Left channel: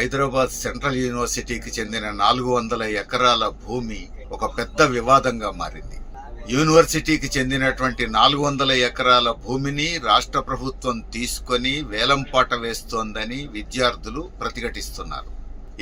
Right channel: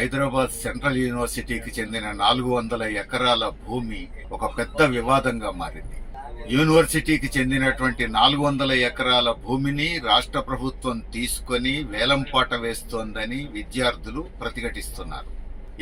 Hyderabad central యూనివర్సిటీకి చెందిన 400 ఎకరాల భూమి ఒక పెద్ద వివాదంగా మారింది. యూనివర్సిటీకి చెందినటువంటి 400 ఎకరాల భూమిని రాష్ట్ర ప్రభుత్వం తీసుకొని వేలంపాట వేస్తోందని విద్యార్థులు ప్రతిఘటిస్తున్నారు.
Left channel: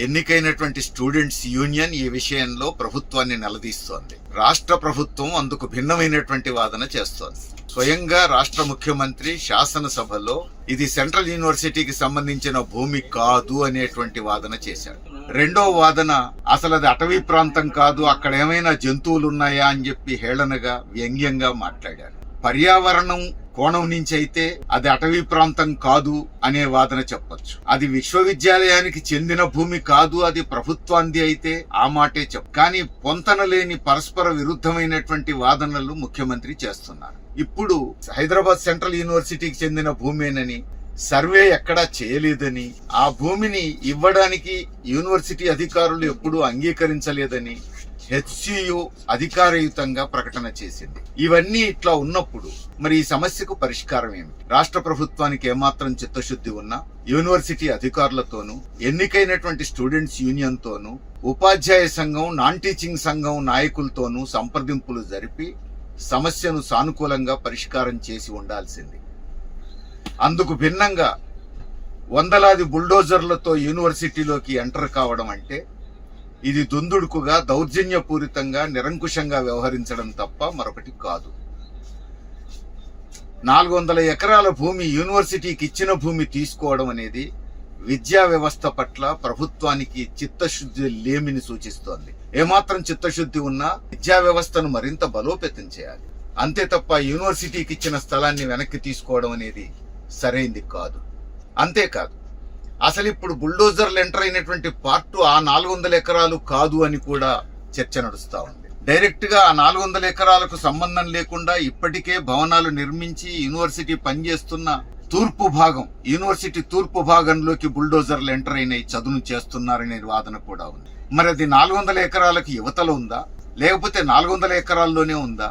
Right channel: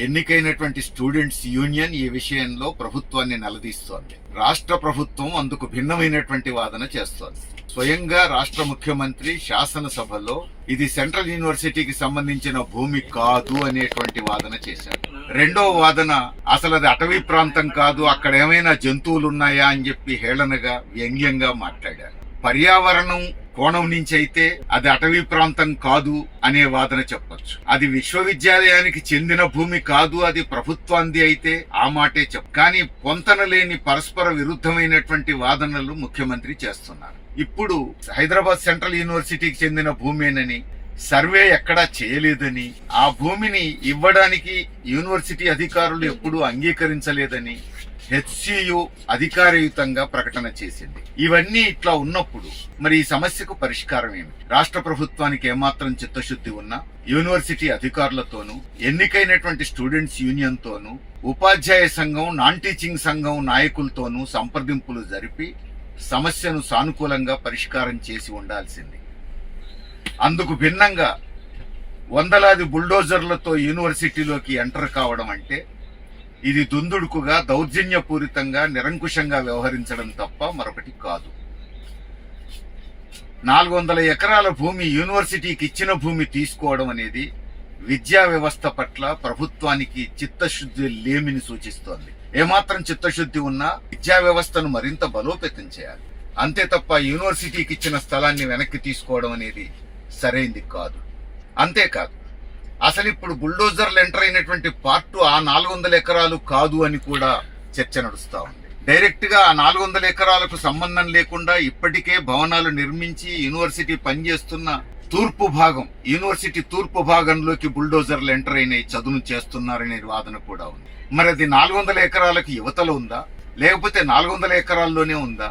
ఎన్నికైనటువంటి స్టూడెంట్స్ యూనియన్ ఈ విషయంలో ప్రభుత్వాన్ని నిలదీస్తోంది. రాష్ట్ర ప్రభుత్వం అందుకు భిన్నమైనటువంటి వాదన చేస్తోంది. స్వయంగా రాష్ట్ర ముఖ్యమంత్రి శాసనసభలో ఇది సెంట్రల్ యూనివర్సిటీకి సంబంధించిన భూమి కాదు అనేటువంటి వాదన చేశారు. రెండో వాదన, అసలు అది అటవీ ప్రాంతం కాదు, అక్కడ ఏమైనా జంతువులు ఉన్నాయా అని చెప్పి హేళనగా వ్యంగ్యంగా మాట్లాడారు. పర్యావరణం కోణం నుంచి అయితే అది అటవీ ప్రాంతం కాదు అనే వాదన చెప్పొచ్చు. అది విశ్వవిద్యాలయానికి చెందిన భూమి కాదు, అది ప్రభుత్వాంది అయితే ఆ మాటే కానీ పొంతన లేని పరస్పర విరుద్ధమైనటువంటి వాదనలు ముఖ్యమంత్రి చేస్తున్నారు. ఇప్పుడు హైదరాబాద్ సెంట్రల్ యూనివర్సిటీకి చెందిన భూమేనని, సర్వే ఎక్కడా చేయలేదని, ఆ భూమిని ఇవ్వడానికి యూనివర్సిటీ అధికారులు ఎప్పుడూ అంగీకరించలేదని హెచ్సియు అధికారయుతంగా ప్రకటన చేసింది. ఇవన్నీ ఇట్లా ఉన్నప్పుడు మరి ఈ సమస్యకు పరిష్కారం ఏమిటి? రాష్ట్ర ప్రభుత్వానికి ఏమాత్రం చిత్తశుద్ధి ఉన్నా యూనివర్సిటీ అధికారులతోనూ, ఎన్నికైనటువంటి స్టూడెంట్స్ యూనియన్ తోనూ, ఉపాధ్యాయ సంఘం, నాన్ టీచింగ్ సంఘం నాయకులతోనూ సంప్రదింపులు జరిపి సమస్యను సానుకూలంగా పరిష్కారం చేసి ఉండాల్సింది. అందుకు భిన్నంగా వందలాది బుల్డోజర్లతో యూనివర్సిటీలోకి ఎంటర్ కావడం అంటే ఇది దుందుడుకుగా, దౌర్జన్యపూరితంగా, నిరంకుశంగా వ్యవహరించడం తప్ప మరొకటి కాదు. 400 ఎకరాల భూమి యూనివర్సిటీకి ఇచ్చిన భూమి తీసుకోవడం అనేది విద్యా వ్యవస్థ పట్ల ప్రభుత్వానికి చిత్తశుద్ధి లేమిని సూచిస్తోంది. ఏమాత్రం చిత్తశుద్ధి ఉన్నా విద్యా వ్యవస్థను మరింత బలోపేతం చేయాలి. అంతే తప్ప యూనివర్సిటీకి ఇచ్చిన స్థలాన్ని వెనక్కి తీసుకోవడం అనేది సరైంది కాదు. అంతేకాదు, అసలు ఇప్పుడు బుల్డోజర్లు ఎంటర్ అయినటువంటి పార్టు ఆ 400 ఎకరాలు కాదు అని కూడా చర్చ నడుస్తా ఉంది. డైరెక్ట్ గా ఆ 400 ఎకరాలకు సంబంధం లేకుండా ఇప్పటికే భవనాలు నిర్మించి యూనివర్సిటీ పనిచేస్తున్న తూర్పు భాగం, యూనివర్సిటీ తూర్పు భాగంలోకి బుల్డోజర్లు ఎంటర్ అయినాయి, చదును చేస్తున్నారనే వాదన కూడా ఉంది. మరి అది 400 ఎకరాలకు యువతలో ఉందా, లేకపోతే 400 ఎకరాల్లోనే ఉందా?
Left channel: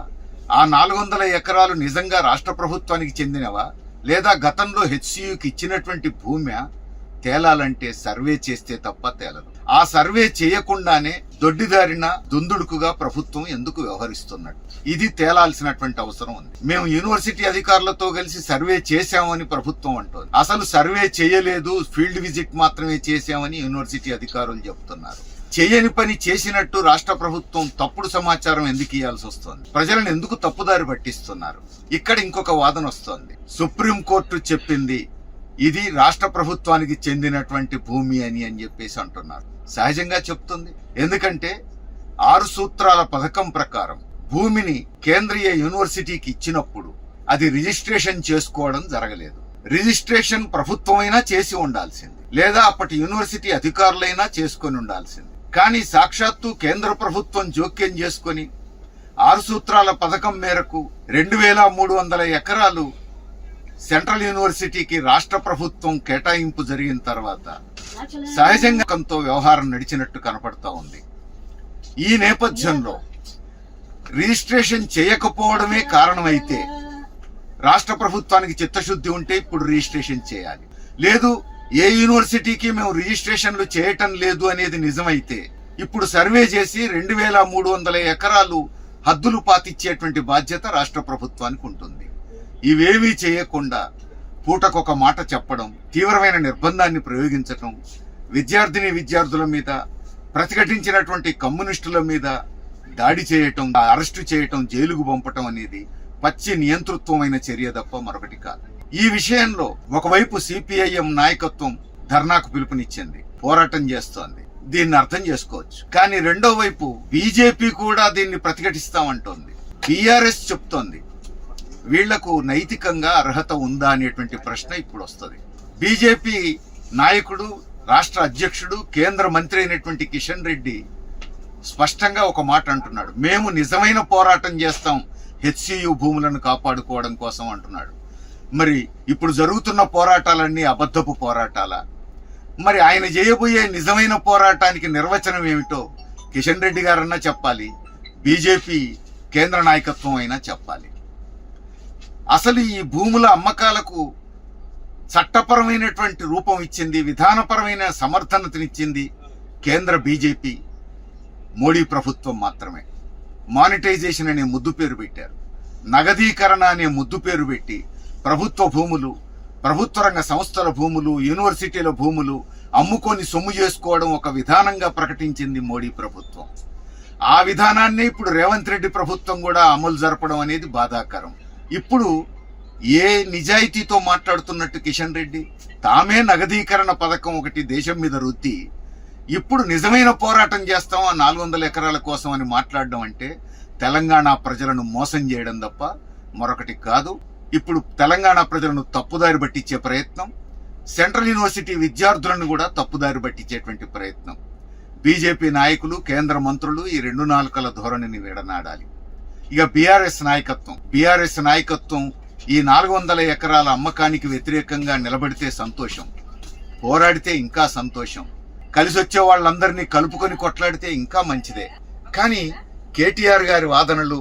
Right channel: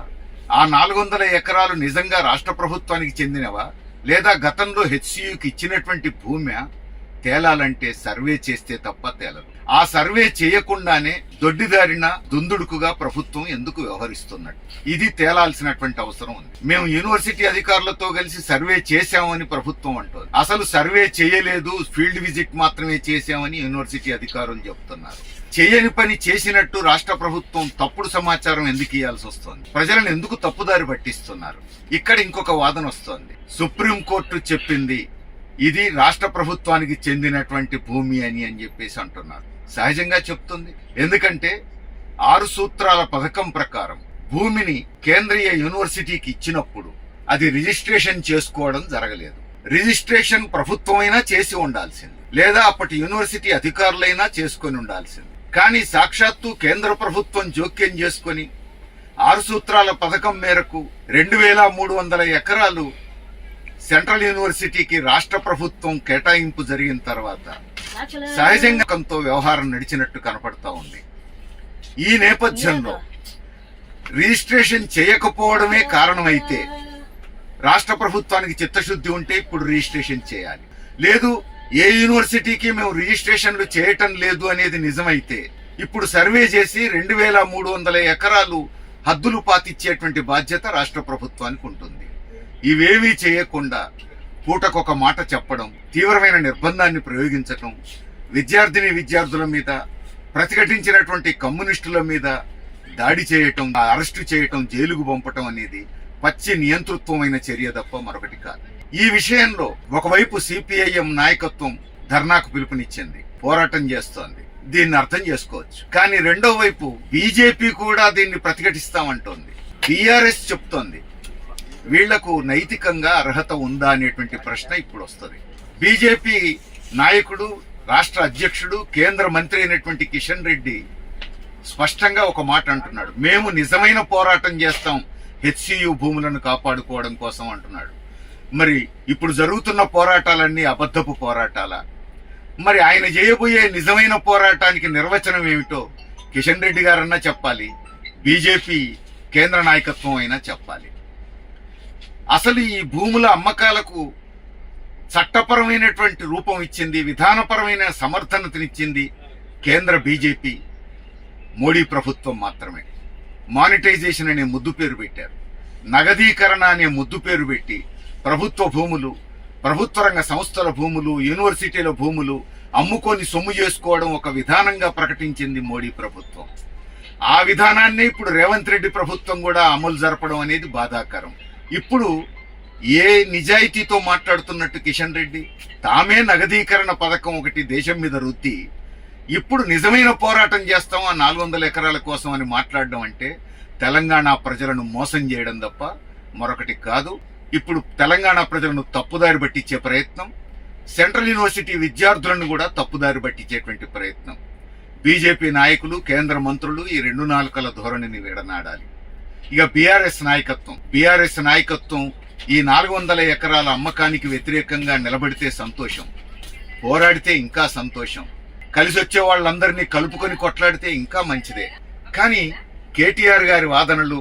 ఆ 400 ఎకరాలు నిజంగా రాష్ట్ర ప్రభుత్వానికి చెందినవా, లేదా గతంలో హెచ్సియుకి ఇచ్చినటువంటి భూమి? తేలాలంటే సర్వే చేస్తే తప్ప తేలదు. ఆ సర్వే చేయకుండానే దొడ్డిదారిన దుందుడుకుగా ప్రభుత్వం ఎందుకు వ్యవహరిస్తున్నట్టు, ఇది తేలాల్సినటువంటి అవసరం ఉంది. మేము యూనివర్సిటీ అధికారులతో కలిసి సర్వే చేశామని ప్రభుత్వం అంటోంది. అసలు సర్వే చేయలేదు, ఫీల్డ్ విజిట్ మాత్రమే చేశామని యూనివర్సిటీ అధికారులు చెబుతున్నారు. చేయని పని చేసినట్టు రాష్ట్ర ప్రభుత్వం తప్పుడు సమాచారం ఎందుకు ఇవ్వాల్సి వస్తోంది? ప్రజలను ఎందుకు తప్పుదారి పట్టిస్తున్నారు? ఇక్కడ ఇంకొక వాదన వస్తోంది. సుప్రీంకోర్టు చెప్పింది ఇది రాష్ట్ర ప్రభుత్వానికి చెందినటువంటి భూమి అని చెప్పేసి అంటున్నారు. సహజంగా చెప్తుంది. ఎందుకంటే 6 సూత్రాల పథకం ప్రకారం భూమిని కేంద్రీయ యూనివర్సిటీకి ఇచ్చినప్పుడు అది రిజిస్ట్రేషన్ చేసుకోవడం జరగలేదు. రిజిస్ట్రేషన్ ప్రభుత్వమైనా చేసి ఉండాల్సింది, లేదా అప్పటి యూనివర్సిటీ అధికారులైనా చేసుకొని ఉండాల్సింది. కానీ సాక్షాత్తు కేంద్ర ప్రభుత్వం జోక్యం చేసుకొని 6 సూత్రాల పథకం మేరకు 2300 ఎకరాలు సెంట్రల్ యూనివర్సిటీకి రాష్ట్ర ప్రభుత్వం కేటాయింపు జరిగిన తర్వాత సహజంగా వ్యవహారం నడిచినట్టు కనపడతా ఉంది. ఈ నేపథ్యంలో రిజిస్ట్రేషన్ చేయకపోవడమే కారణమైతే, రాష్ట్ర ప్రభుత్వానికి చిత్తశుద్ధి ఉంటే ఇప్పుడు రిజిస్ట్రేషన్ చేయాలి. లేదు, ఏ యూనివర్సిటీకి మేము రిజిస్ట్రేషన్లు చేయటం లేదు అనేది నిజమైతే ఇప్పుడు సర్వే చేసి 2300 ఎకరాలు హద్దులు పాతిచ్చేటువంటి బాధ్యత రాష్ట్ర ప్రభుత్వానికి ఉంటుంది. ఇవేవీ చేయకుండా పూటకొక మాట చెప్పడం, తీవ్రమైన నిర్బంధాన్ని ప్రయోగించటం, విద్యార్థుల మీద, ప్రతిఘటించినటువంటి కమ్యూనిస్టుల మీద దాడి చేయటం, అరెస్టు చేయటం, జైలుకు పంపటం అనేది పచ్చి నియంతృత్వమైన చర్య తప్ప మరొకటి కాదు. ఈ విషయంలో ఒకవైపు సిపిఐఎం నాయకత్వం ధర్నాకు పిలుపునిచ్చింది, పోరాటం చేస్తోంది. దీన్ని అర్థం చేసుకోవచ్చు. కానీ రెండో వైపు బీజేపీ కూడా దీన్ని ప్రతిఘటిస్తామంటోంది. బీఆర్ఎస్ చెప్తోంది వీళ్లకు నైతికంగా అర్హత ఉందా అనేటువంటి ప్రశ్న ఇప్పుడు వస్తుంది. బీజేపీ నాయకుడు, రాష్ట్ర అధ్యక్షుడు, కేంద్ర మంత్రి అయినటువంటి కిషన్ రెడ్డి స్పష్టంగా ఒక మాట అంటున్నాడు. మేము నిజమైన పోరాటం చేస్తాం హెచ్సియు భూములను కాపాడుకోవడం కోసం అంటున్నాడు. మరి ఇప్పుడు జరుగుతున్న పోరాటాలన్నీ అబద్ధపు పోరాటాలా? మరి ఆయన చేయబోయే నిజమైన పోరాటానికి నిర్వచనం ఏమిటో కిషన్ రెడ్డి గారన్నా చెప్పాలి, బీజేపీ కేంద్ర నాయకత్వం అయినా చెప్పాలి. అసలు ఈ భూముల అమ్మకాలకు చట్టపరమైనటువంటి రూపం ఇచ్చింది, విధానపరమైన సమర్థనతనిచ్చింది కేంద్ర బీజేపీ మోడీ ప్రభుత్వం మాత్రమే. మానిటైజేషన్ అనే ముద్దు పేరు పెట్టారు, నగదీకరణ అనే ముద్దు పేరు పెట్టి ప్రభుత్వ భూములు, ప్రభుత్వ రంగ సంస్థల భూములు, యూనివర్సిటీల భూములు అమ్ముకొని సొమ్ము చేసుకోవడం ఒక విధానంగా ప్రకటించింది మోడీ ప్రభుత్వం. ఆ విధానాన్ని ఇప్పుడు రేవంత్ రెడ్డి ప్రభుత్వం కూడా అమలు జరపడం అనేది బాధాకరం. ఇప్పుడు ఏ నిజాయితీతో మాట్లాడుతున్నట్టు కిషన్ రెడ్డి తామే నగదీకరణ పథకం ఒకటి దేశం మీద రుద్ది ఇప్పుడు నిజమైన పోరాటం చేస్తాం ఆ 400 ఎకరాల కోసం అని మాట్లాడడం అంటే తెలంగాణ ప్రజలను మోసం చేయడం తప్ప మరొకటి కాదు. ఇప్పుడు తెలంగాణ ప్రజలను తప్పుదారి పట్టించే ప్రయత్నం, సెంట్రల్ యూనివర్సిటీ విద్యార్థులను కూడా తప్పుదారి పట్టించేటువంటి ప్రయత్నం. బీజేపీ నాయకులు, కేంద్ర మంత్రులు ఈ 2 నాలుకల ధోరణిని విడనాడాలి. ఇక బీఆర్ఎస్ నాయకత్వం ఈ 400 ఎకరాల అమ్మకానికి వ్యతిరేకంగా నిలబడితే సంతోషం, పోరాడితే ఇంకా సంతోషం, కలిసి వచ్చే వాళ్ళందరినీ కలుపుకొని కొట్లాడితే ఇంకా మంచిదే. కానీ కేటీఆర్ గారి వాదనలు,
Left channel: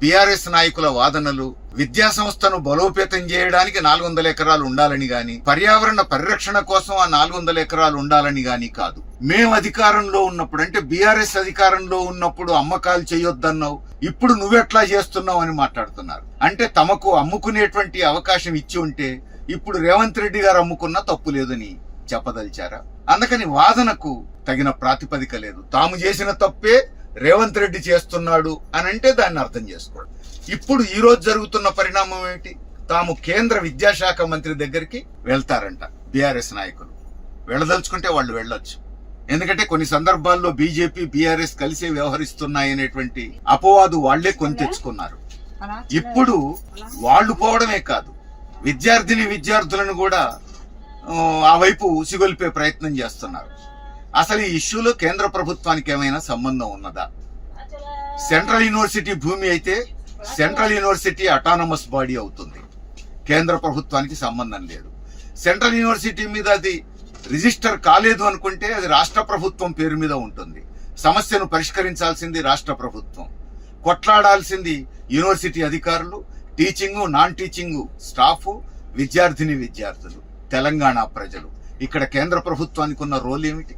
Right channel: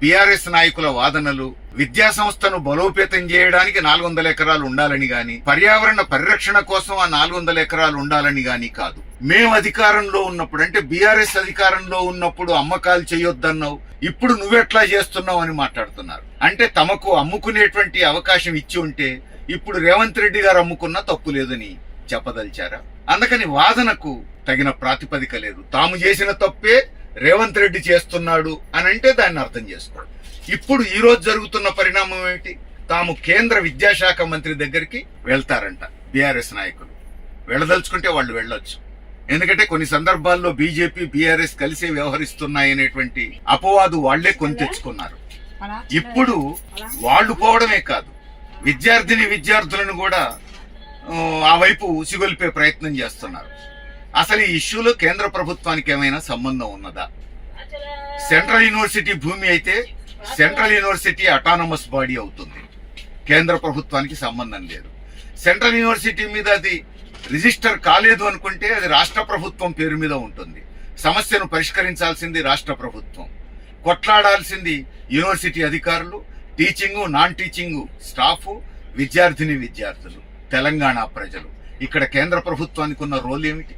బీఆర్ఎస్ నాయకుల వాదనలు విద్యా సంస్థను బలోపేతం చేయడానికి 400 ఎకరాలు ఉండాలని గాని, పర్యావరణ పరిరక్షణ కోసం ఆ 400 ఎకరాలు ఉండాలని గాని కాదు. మేము అధికారంలో ఉన్నప్పుడు, అంటే బీఆర్ఎస్ అధికారంలో ఉన్నప్పుడు అమ్మకాలు చేయొద్దన్నావు, ఇప్పుడు నువ్వెట్లా చేస్తున్నావు అని మాట్లాడుతున్నారు. అంటే తమకు అమ్ముకునేటువంటి అవకాశం ఇచ్చి ఉంటే ఇప్పుడు రేవంత్ రెడ్డి గారు అమ్ముకున్నా తప్పు లేదని చెప్పదలిచారా? అందుకని వాదనకు తగిన ప్రాతిపదిక లేదు. తాము చేసిన తప్పే రేవంత్ రెడ్డి చేస్తున్నాడు అని అంటే దాన్ని అర్థం చేసుకోండి. ఇప్పుడు ఈ రోజు జరుగుతున్న పరిణామం ఏమిటి? తాము కేంద్ర విద్యాశాఖ మంత్రి దగ్గరికి వెళ్తారంట బీఆర్ఎస్ నాయకులు. వెళ్ళదలుచుకుంటే వాళ్ళు వెళ్ళొచ్చు, ఎందుకంటే కొన్ని సందర్భాల్లో బీజేపీ బీఆర్ఎస్ కలిసే వ్యవహరిస్తున్నాయనేటువంటి అపవాదు వాళ్లే కొని తెచ్చుకున్నారు. ఇప్పుడు వాళ్ళు పోవడమే కాదు, విద్యార్థులను కూడా ఆ వైపు ఉసిగొల్పే ప్రయత్నం చేస్తున్నారు. అసలు ఈ ఇష్యూలో కేంద్ర ప్రభుత్వానికి ఏమైనా సంబంధం ఉన్నదా? సెంట్రల్ యూనివర్సిటీ భూమి అయితే సెంట్రల్ యూనివర్సిటీ అటానమస్ బాడీ అవుతుంది, కేంద్ర ప్రభుత్వానికి సంబంధం లేదు. సెంట్రల్ యూనివర్సిటీ మీద అది రిజిస్టర్ కాలేదు అనుకుంటే అది రాష్ట్ర ప్రభుత్వం పేరు మీద ఉంటుంది. సమస్యను పరిష్కరించాల్సింది రాష్ట్ర ప్రభుత్వం, కొట్లాడాల్సింది యూనివర్సిటీ అధికారులు, టీచింగ్ నాన్ టీచింగ్ స్టాఫ్, విద్యార్థులు, తెలంగాణ ప్రజలు. ఇక్కడ కేంద్ర ప్రభుత్వానికి ఉన్న రోల్ ఏమిటి?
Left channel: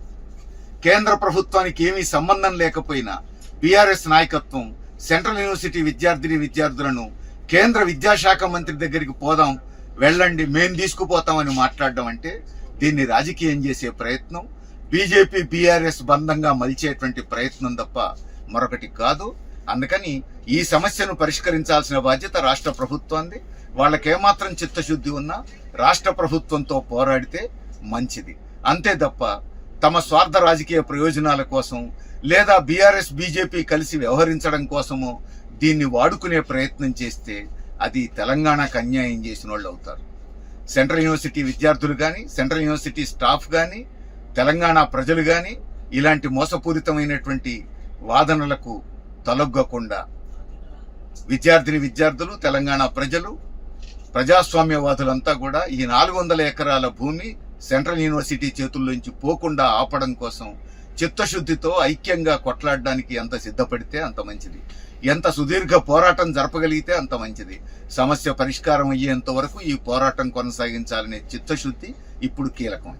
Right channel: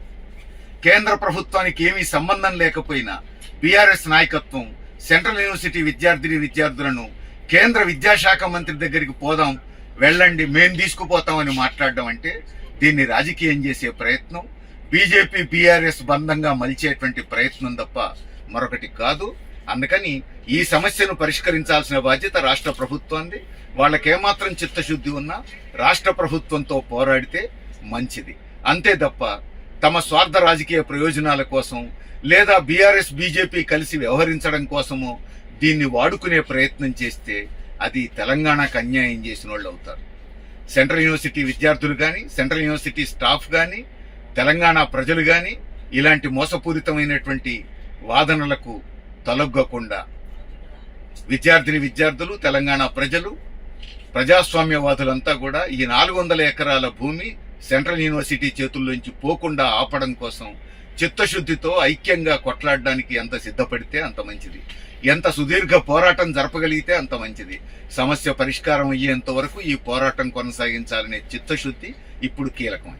కేంద్ర ప్రభుత్వానికి ఏమీ సంబంధం లేకపోయినా బీఆర్ఎస్ నాయకత్వం సెంట్రల్ యూనివర్సిటీ విద్యార్థులను కేంద్ర విద్యాశాఖ మంత్రి దగ్గరికి పోదాం, వెళ్ళండి, మేం తీసుకుపోతామని మాట్లాడడం అంటే దీన్ని రాజకీయం చేసే ప్రయత్నం, బీజేపీ బీఆర్ఎస్ బంధంగా మలిచేటువంటి ప్రయత్నం తప్ప మరొకటి కాదు. అందుకని ఈ సమస్యను పరిష్కరించాల్సిన బాధ్యత రాష్ట్ర ప్రభుత్వాన్ని. వాళ్ళకేమాత్రం చిత్తశుద్ధి ఉన్నా రాష్ట్ర ప్రభుత్వంతో పోరాడితే మంచిది. అంతే తప్ప తమ స్వార్థ రాజకీయ ప్రయోజనాల కోసం లేదా బీఆర్ఎస్ బీజేపీ కలిసి వ్యవహరించడం కోసమో దీన్ని వాడుకునే ప్రయత్నం చేస్తే అది తెలంగాణకు అన్యాయం చేసిన వాళ్ళు అవుతారు. సెంట్రల్ యూనివర్సిటీ విద్యార్థులు కానీ, సెంట్రల్ యూనివర్సిటీ స్టాఫ్ కానీ, తెలంగాణ ప్రజలు కానీ ఇలాంటి మోసపూరితమైనటువంటి వాదనలకు తలొగ్గకుండా విద్యార్థులు, తెలంగాణ ప్రజలు, ప్రజాస్వామ్యవాదులంతా కూడా ఈ 400 ఎకరాల భూమి సెంట్రల్ యూనివర్సిటీ చేతుల్లోంచి పోకుండా ఆపడం కోసం చిత్తశుద్ధితో ఐక్యంగా కొట్లాడడానికి ఎంత సిద్ధపడితే అంత మంచిది, ఎంత సుదీర్ఘ పోరాటం జరపగలిగితే అంత మంచిది. సమస్య పరిష్కారం అయ్యేంత వరకు ఈ పోరాటం కొనసాగించాలనే చిత్తశుద్ధి ఇప్పుడు కీలకం.